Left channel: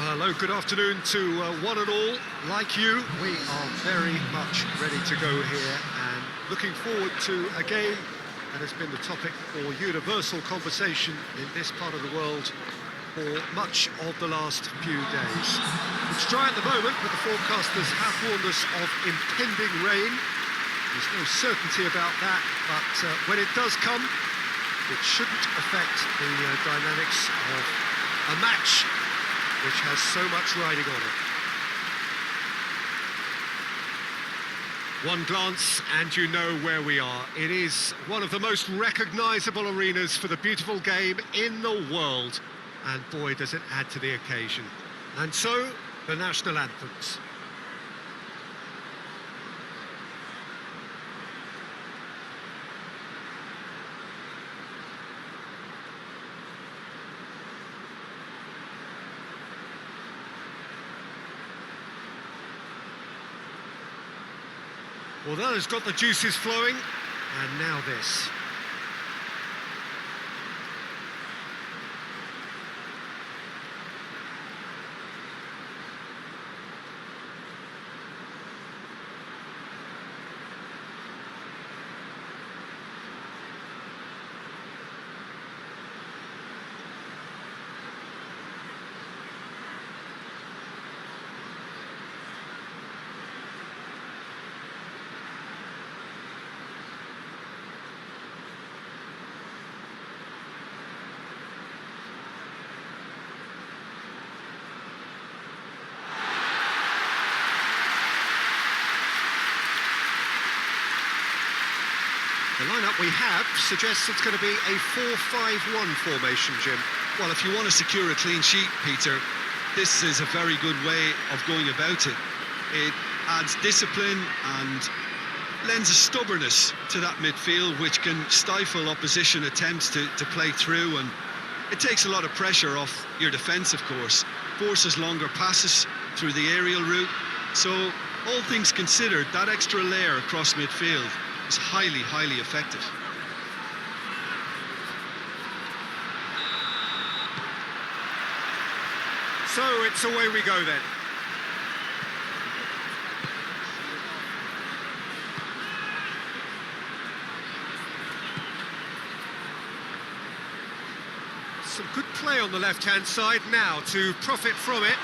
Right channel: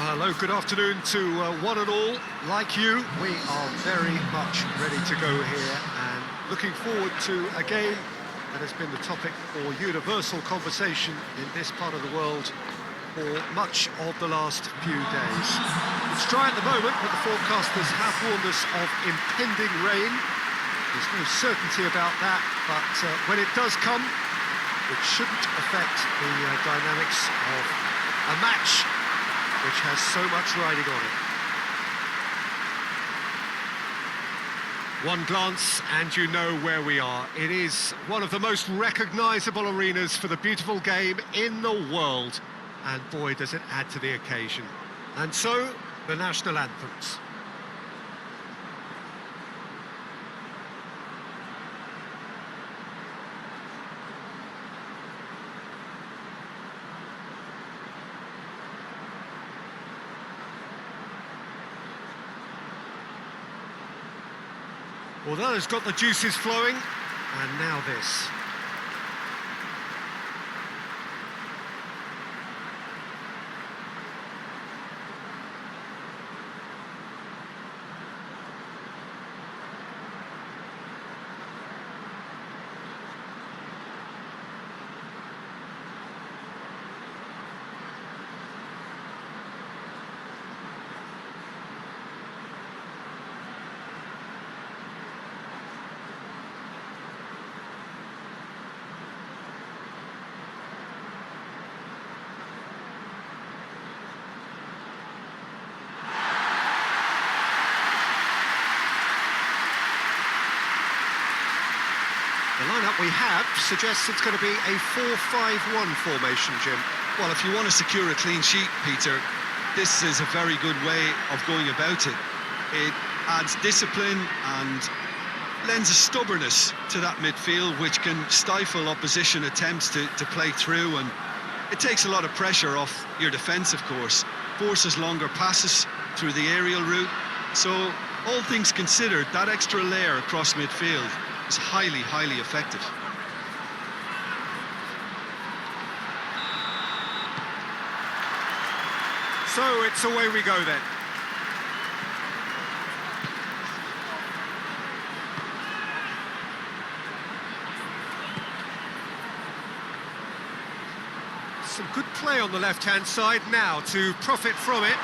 Well, hello, good afternoon to one and all. Like you, we are very much ready to go here and looking forward to a game that has been the topic for universal conversation in this part of the world for much of the last few days. It's dry at the moment, but the forecasters have warned us of impending rain. There's no certainty about that, but when it does come, it shouldn't affect the dynamics of a match which has so much riding on it. One glance and you know where we are. It is one of the most recognisable arenas for the beautiful game in the world. And boy, does it add to the occasion. And so, the national anthems. Well, that has got the juices flowing, and now this. The lineup we have suggests it's going to be a 4-5-1 formation, Jim. Well, if you want to secure a clean sheet, Peter, this is a very good way of going about it. It adds discipline and lends a stubbornness to that midfield, which can stifle opposition attempts to play through, and it takes a lot of pressure off your defence, of course. Forces longer passes through the aerial route. So, all things considered, that extra layer across midfield is highly, highly effective. So it's away we go then. Some good play on the left-hand side now to profit from it.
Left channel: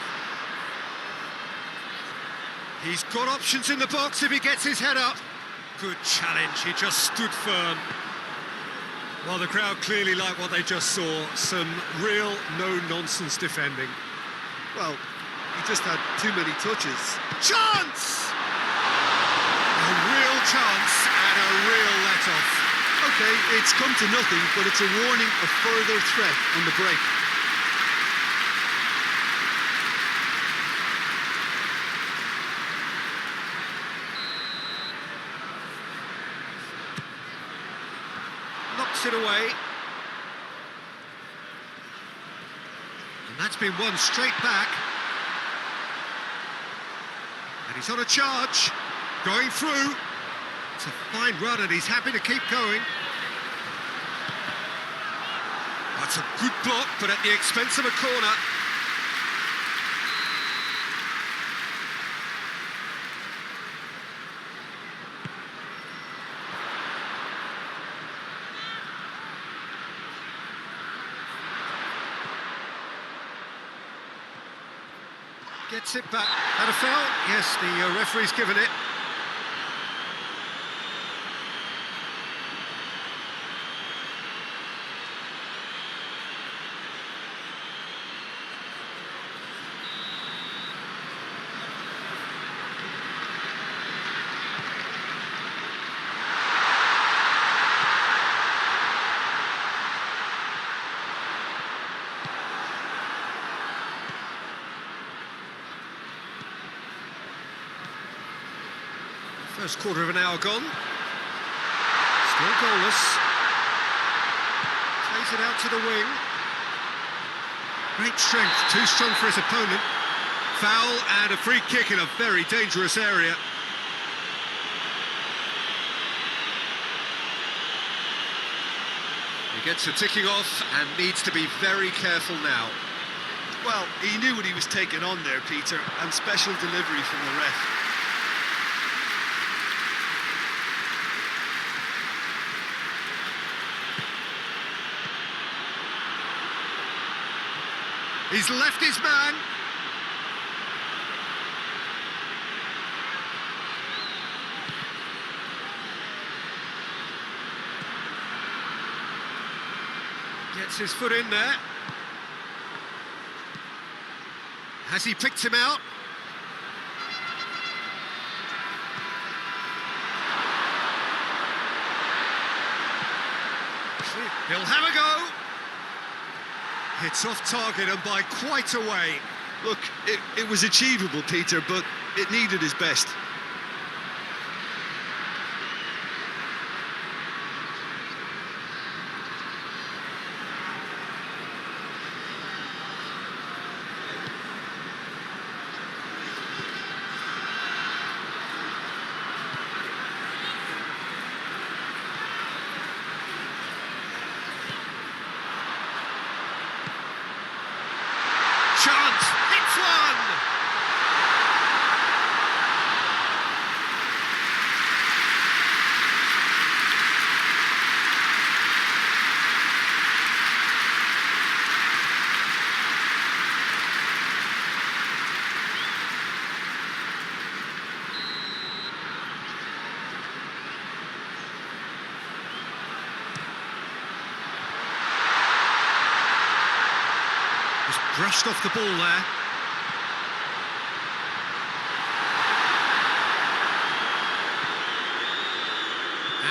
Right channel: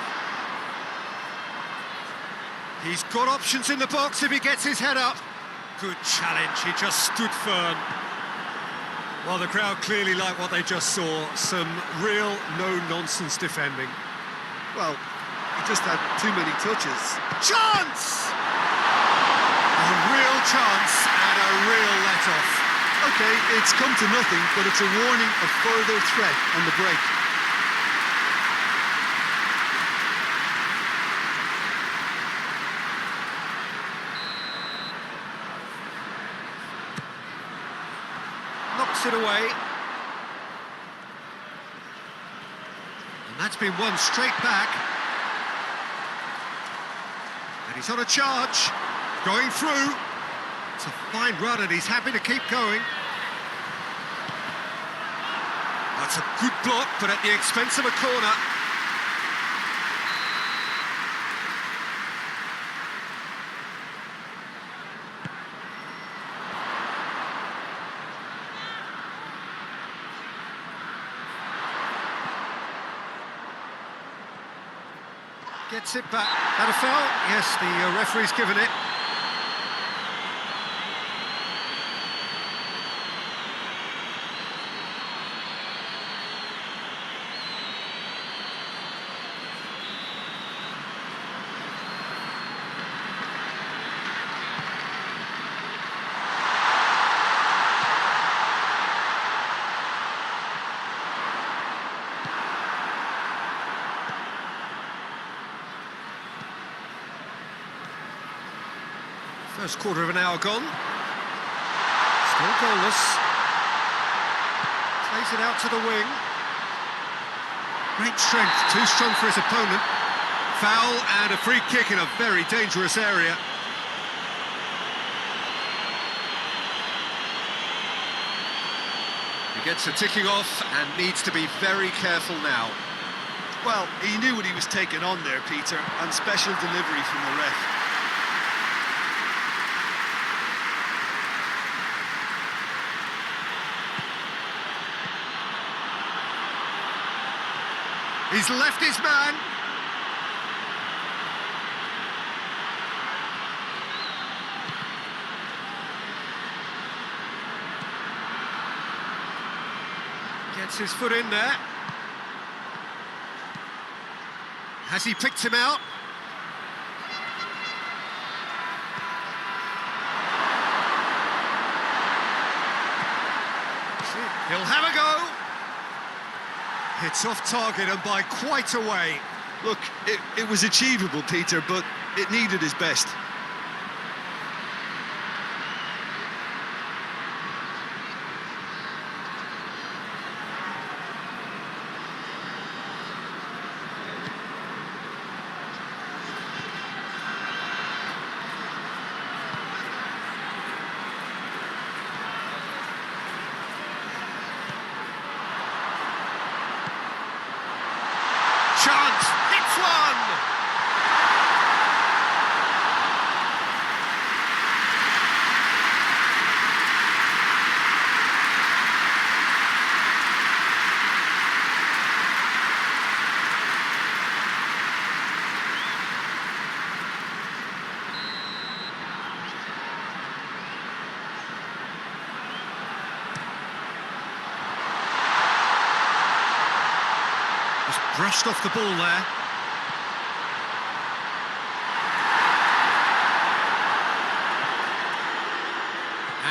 He's got options in the box if he gets his head up. Good challenge, he just stood firm. Well, the crowd clearly like what they just saw. Some real no-nonsense defending. Well, he just had too many touches. Chance! A real chance and a real let-off. OK, it's come to nothing, but it's a warning of further threat on the break. Knocks it away. And that's been won straight back. And he's on a charge. Going through. It's a fine run and he's happy to keep going. That's a good block, but at the expense of a corner. Gets it back. Had a foul? Yes, the referee's given it. First quarter of an hour gone. Still goalless. Plays it out to the wing. Great strength, too strong for his opponent. Foul and a free kick in a very dangerous area. He gets the ticking off and needs to be very careful now. Well, he knew what he was taking on there, Peter, and special delivery from the ref. He's left his man. Gets his foot in there. Has he picked him out? He'll have a go. It's off target and by quite a way. Look, it was achievable, Peter, but it needed his best. Chance, hits one! Just brushed off the ball there.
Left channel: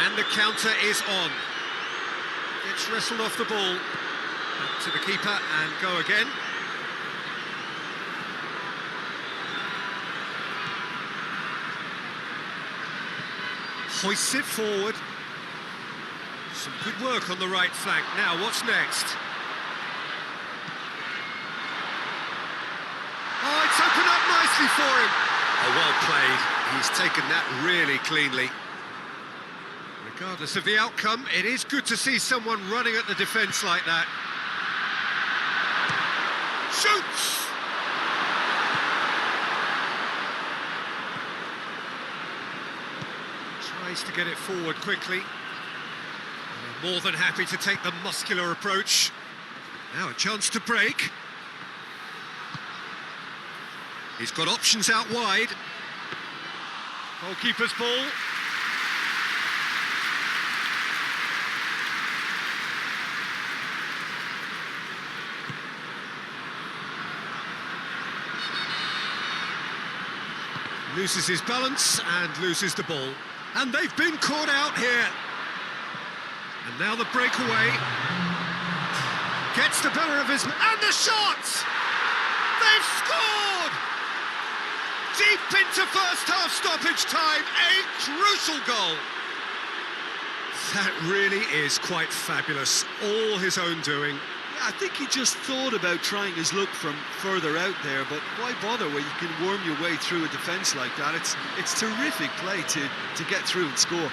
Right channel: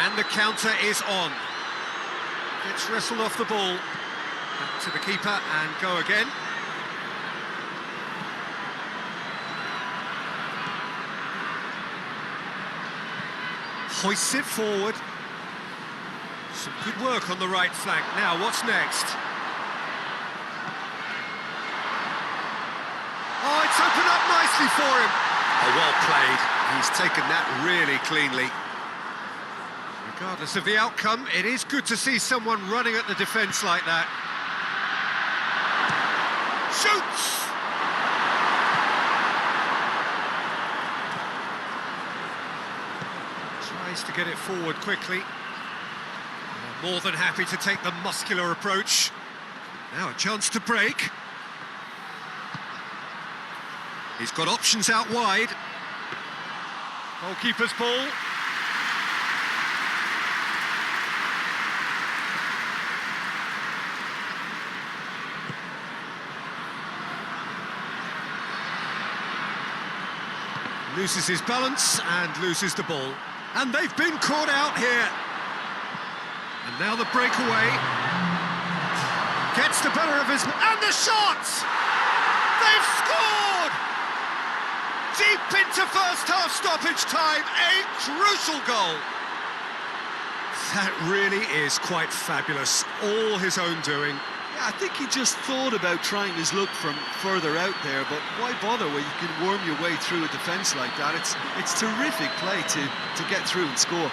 And the counter is on. Gets wrestled off the ball. Back to the keeper and go again. Hoists it forward. Some good work on the right flank. Now, what's next? Oh, it's opened up nicely for him. Oh, well played. He's taken that really cleanly. Regardless of the outcome, it is good to see someone running at the defence like that. Shoots! Tries to get it forward quickly. More than happy to take the muscular approach. Now a chance to break. He's got options out wide. Goalkeeper's ball. Loses his balance and loses the ball. And they've been caught out here. And now the breakaway. Gets the better of his... And the shot! They've scored! Deep into first half stoppage time, a crucial goal. That really is quite fabulous, all his own doing. Yeah, I think he just thought about trying his luck from further out there, but why bother when you can worm your way through a defence like that? It's terrific play to get through and score.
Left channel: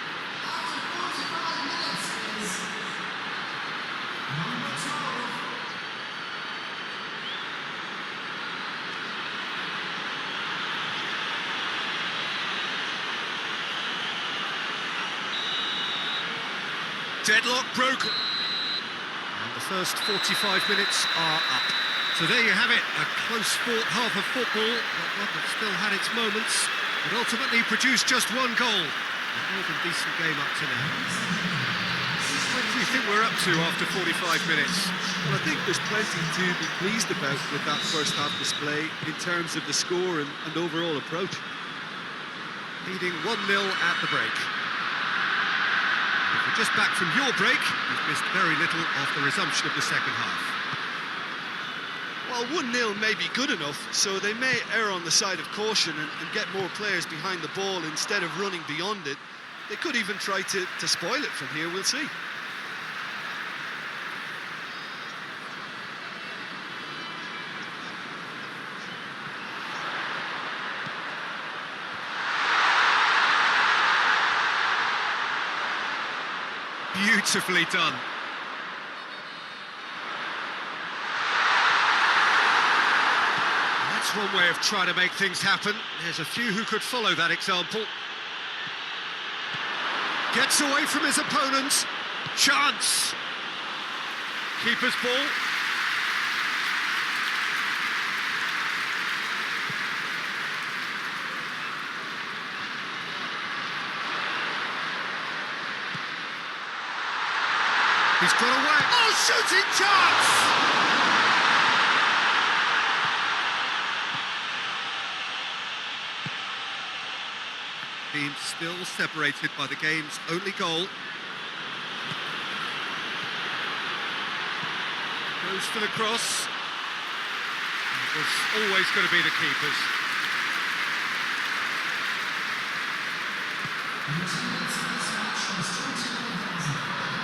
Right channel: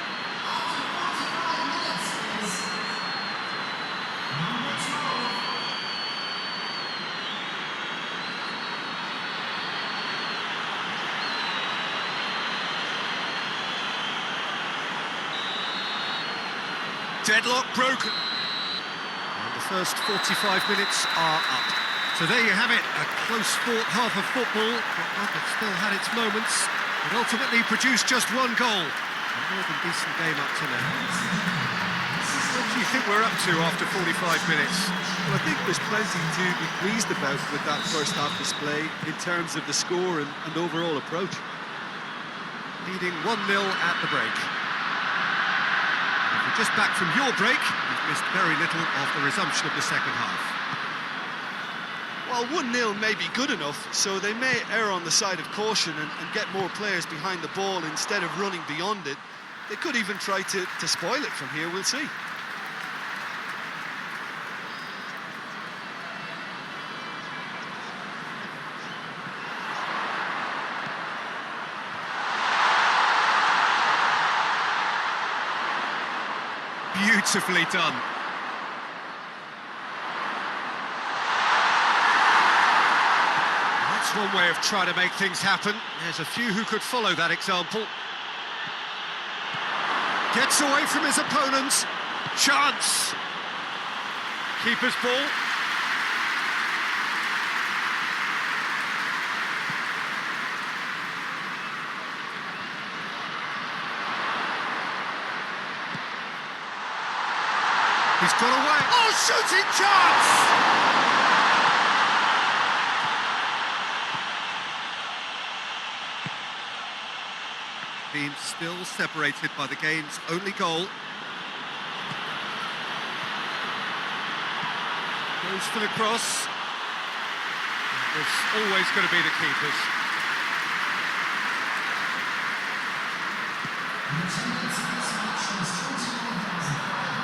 Deadlock broken. And the first 45 minutes are up. So there you have it, a close fought half of football, but one that still had its moments, but ultimately produced just one goal. A more than decent game up to now. What do you think we're up to after 45 minutes? Well, I think there's plenty to be pleased about with that first half display in terms of the score and overall approach. Leading 1-0 at the break. If you're just back from your break, you've missed very little of the resumption of the second half. Well, 1-0 may be good enough, so they may err on the side of caution and get more players behind the ball instead of running beyond it. They could even try to spoil it from here, we'll see. Beautifully done. That's one way of trying to make things happen. There's a few who could follow that example. Gets away from his opponents. Chance. Keeper's ball. He's got away. Oh, shooting chance! Team still separated by the game's only goal. Goes for the cross. It was always going to be the keeper's.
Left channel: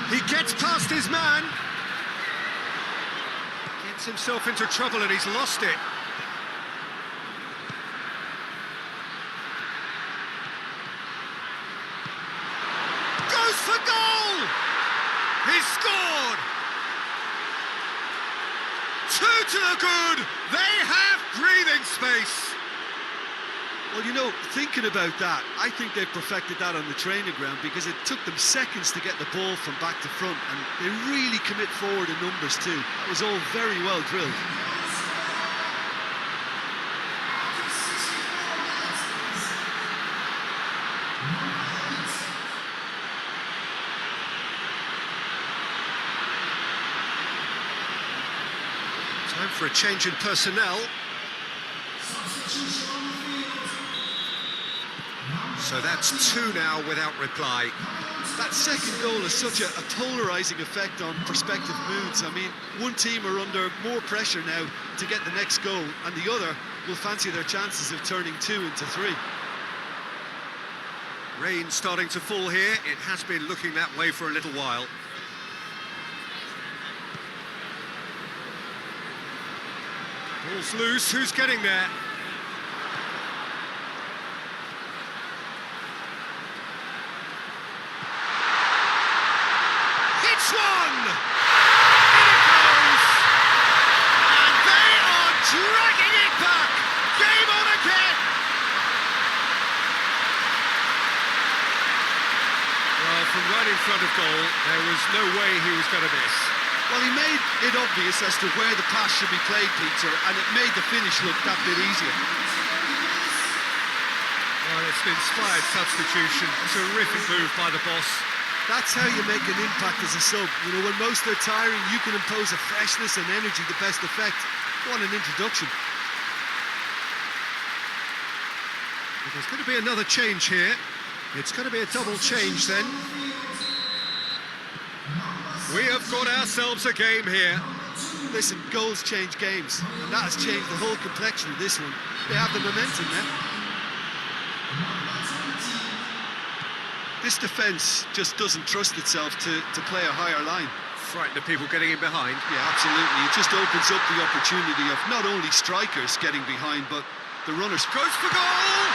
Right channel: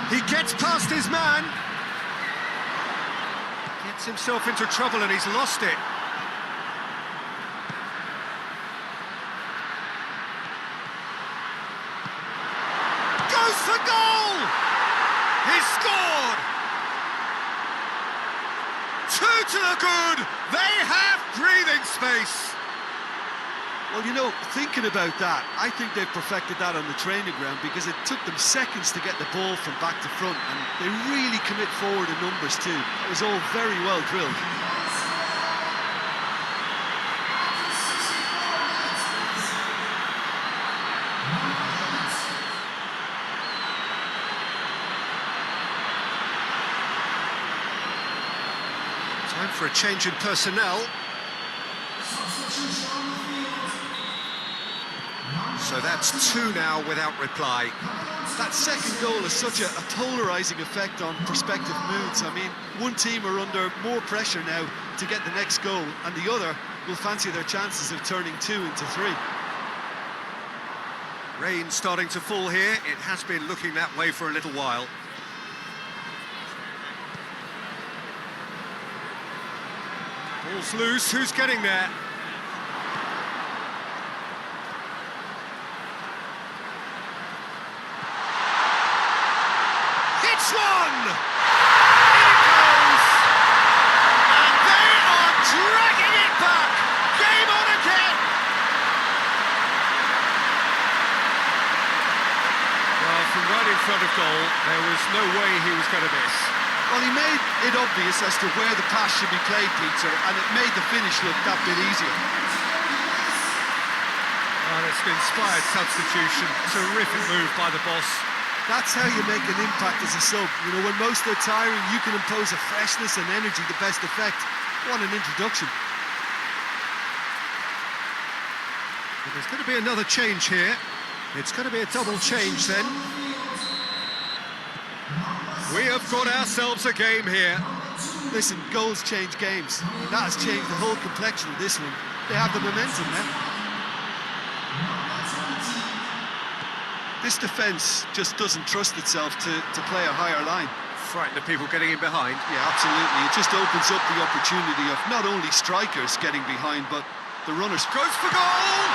He gets past his man. Gets himself into trouble and he's lost it. Goes for goal! He's scored! 2 to the good! They have breathing space! Well, you know, thinking about that, I think they've perfected that on the training ground because it took them seconds to get the ball from back to front, and they really commit forward in numbers too. That was all very well drilled. Time for a change in personnel. So that's 2 now without reply. That second goal has such a polarising effect on prospective moods. I mean, one team are under more pressure now to get the next goal, and the other will fancy their chances of turning 2 into 3. Rain starting to fall here. It has been looking that way for a little while. Ball's loose. Who's getting there? Hits one! In it goes! And they are dragging it back! Game on again! Well, from right in front of goal, there was no way he was going to miss. Well, he made it obvious as to where the pass should be played, Peter, and it made the finish look that bit easier. Well, it's an inspired substitution. Terrific move by the boss. That's how you make an impact as a sub. You know, when most are tiring, you can impose a freshness and energy to best effect. What an introduction. Well, there's going to be another change here. It's going to be a double change then. We have got ourselves a game here. Listen, goals change games, and that has changed the whole complexion of this one. They have the momentum now. This defence just doesn't trust itself to play a higher line. Frightened of people getting in behind. Yeah, absolutely. It just opens up the opportunity of not only strikers getting behind, but the runners. Goes for goal!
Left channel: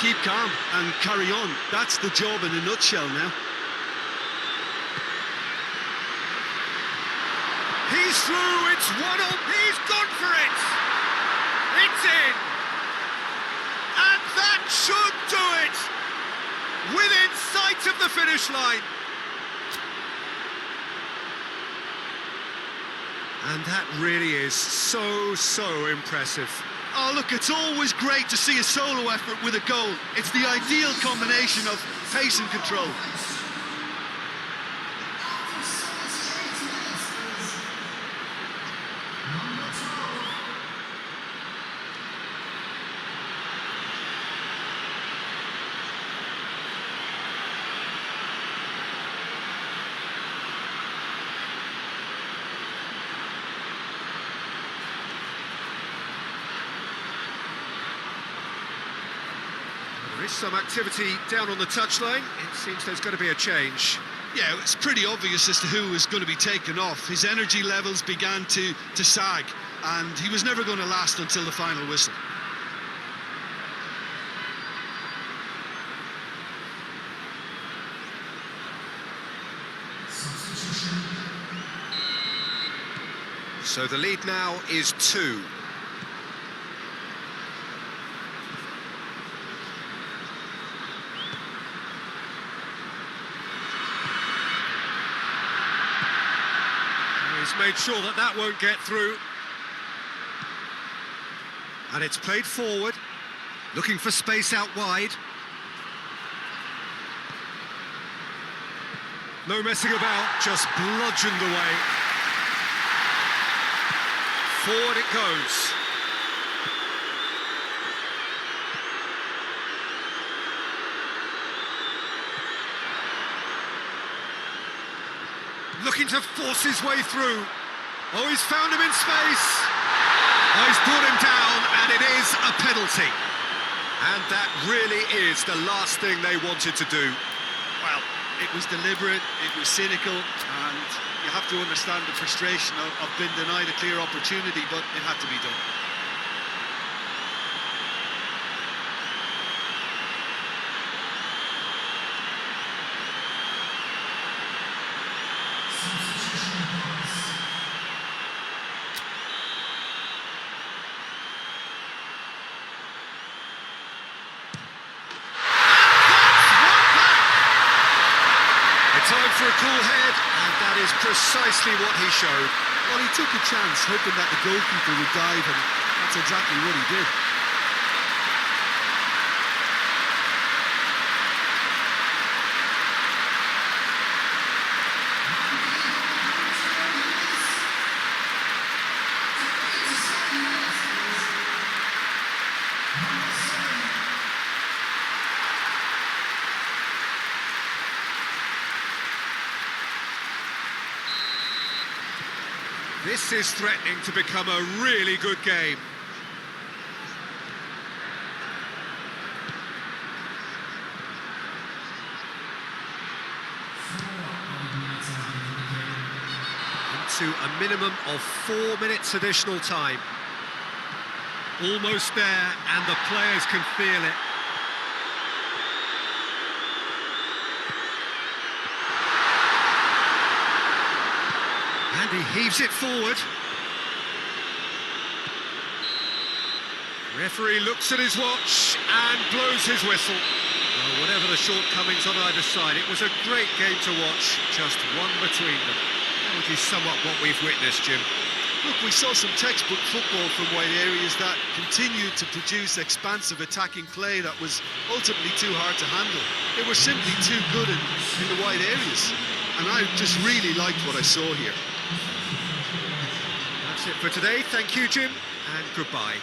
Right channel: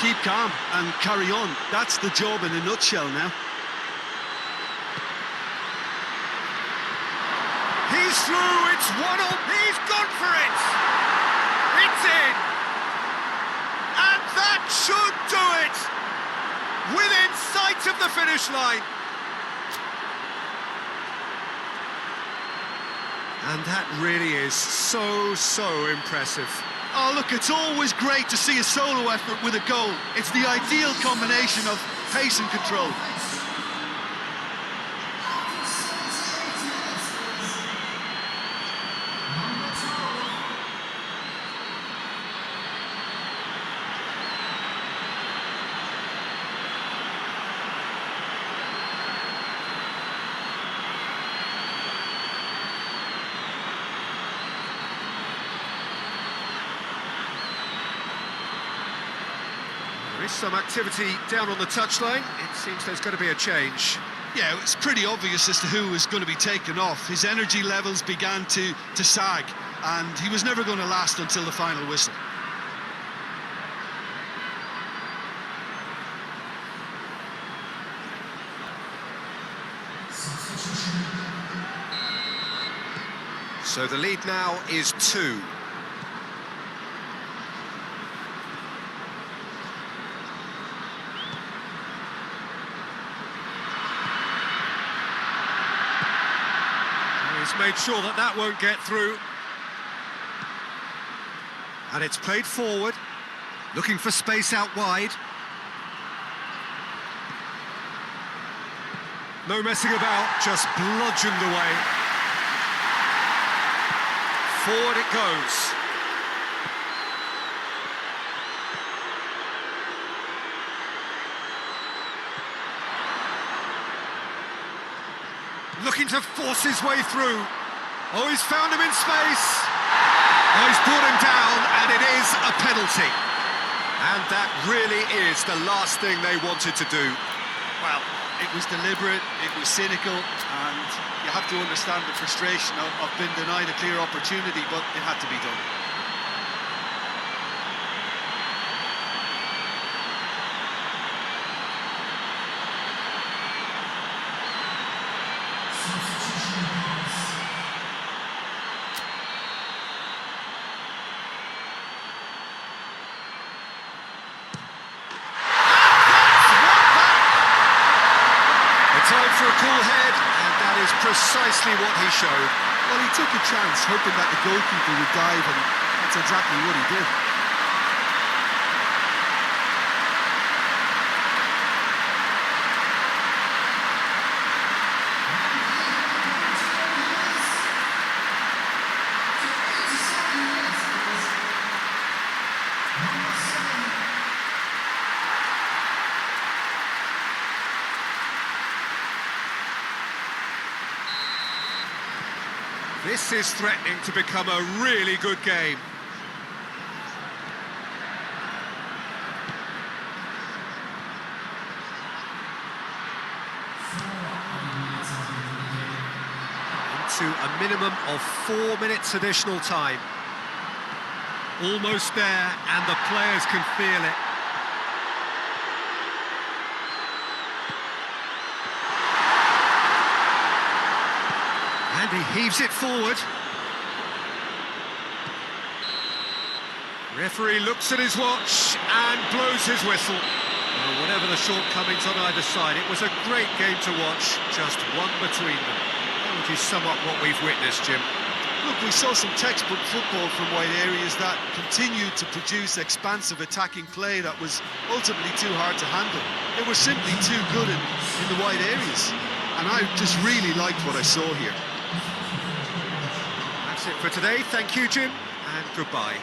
Keep calm and carry on. That's the job in a nutshell now. He's through, it's 1-0, he's gone for it! It's in! And that should do it! Within sight of the finish line! And that really is so impressive. Oh, look, it's always great to see a solo effort with a goal. It's the ideal combination of pace and control. There is some activity down on the touchline. It seems there's going to be a change. Yeah, it's pretty obvious as to who was going to be taken off. His energy levels began to sag, and he was never going to last until the final whistle. So the lead now is 2. He's made sure that that won't get through. And it's played forward, looking for space out wide. No messing about, just bludgeoned away. Forward it goes. Looking to force his way through. Oh, he's found him in space. Oh, he's brought him down, and it is a penalty. And that really is the last thing they wanted to do. Well, it was deliberate, it was cynical, and you have to understand the frustration of being denied a clear opportunity, but it had to be done. Time for a cool head, and that is precisely what he showed. Well, he took a chance, hoping that the goalkeeper would dive, and that's exactly what he did. This is threatening to become a really good game. Into a minimum of 4 minutes additional time. Almost there, and the players can feel it. And he heaves it forward. Referee looks at his watch and blows his whistle. Well, whatever the shortcomings on either side, it was a great game to watch, just one between them. How would you sum up what we've witnessed, Jim? Look, we saw some textbook football from wide areas that continued to produce expansive attacking play that was ultimately too hard to handle. They were simply too good in the wide areas. And I just really liked what I saw here. That's it for today. Thank you, Jim, and goodbye.